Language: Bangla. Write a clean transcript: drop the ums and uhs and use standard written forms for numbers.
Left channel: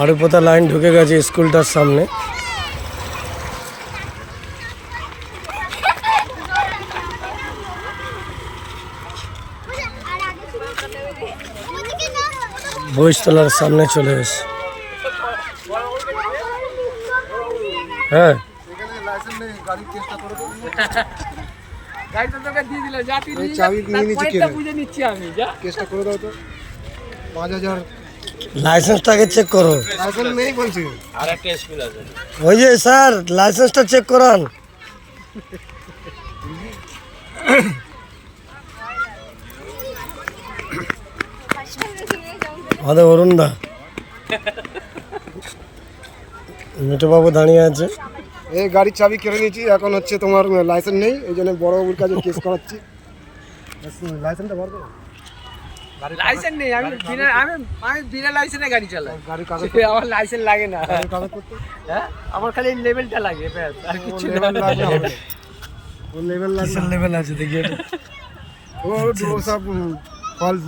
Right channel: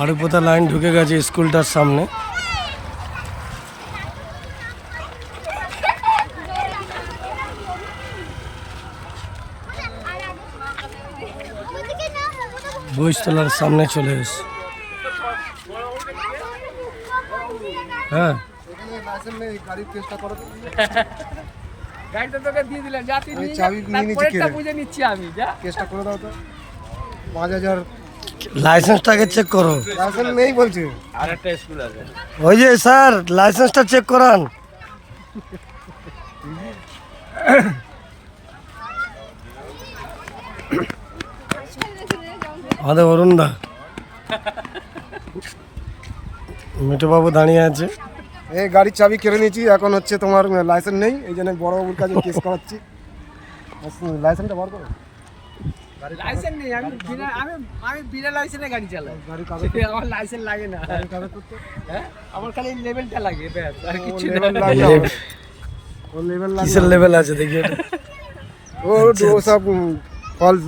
আড়ুপোতা লাইন ঢুকে গেছে স্কুলটার সামনে। বইস্তলার সামনে চলে এসে। হ্যাঁ গাড়িটা তোকে দিয়ে দিলাম, যা তুই নিয়ে চাবি নিয়ে নিচ্ছি, পরেরটা বুঝে নিচ্ছি আমি, যা। কেসটা করে দাও তো। 5000 লাইসেন্সটাকে চেক করো। লাইসেন্স নেই বলছে। ওই যে স্যার লাইসেন্সটা চেক করান। আমাদের অরুণ দা, মিঠুবাবু দাঁড়িয়ে আছে। এই গাড়ির চাবি কেড়ে নিয়েছি, এখন হচ্ছে তোমার লাইসেন্স নেই, এই জন্য বড়বাবুর কাছে কেস করাচ্ছি। লাইসেন্সটা বার করো। লাইসেন্স নেই, আমি বিনা লাইসেন্সে গাড়ি চালাই। গাড়ির কাগজ আমার লাইসেন্স লাগে না। গাড়ির কাগজ করতে হ্যাঁ, আমার খালি লেভেলটা লাগে, ব্যাস, আর কিছু না। লেভেল লাগে হবে। ও লেভেল লাগে। কিসের লেভেল আছে দেখি ওটা। ও সব ফলস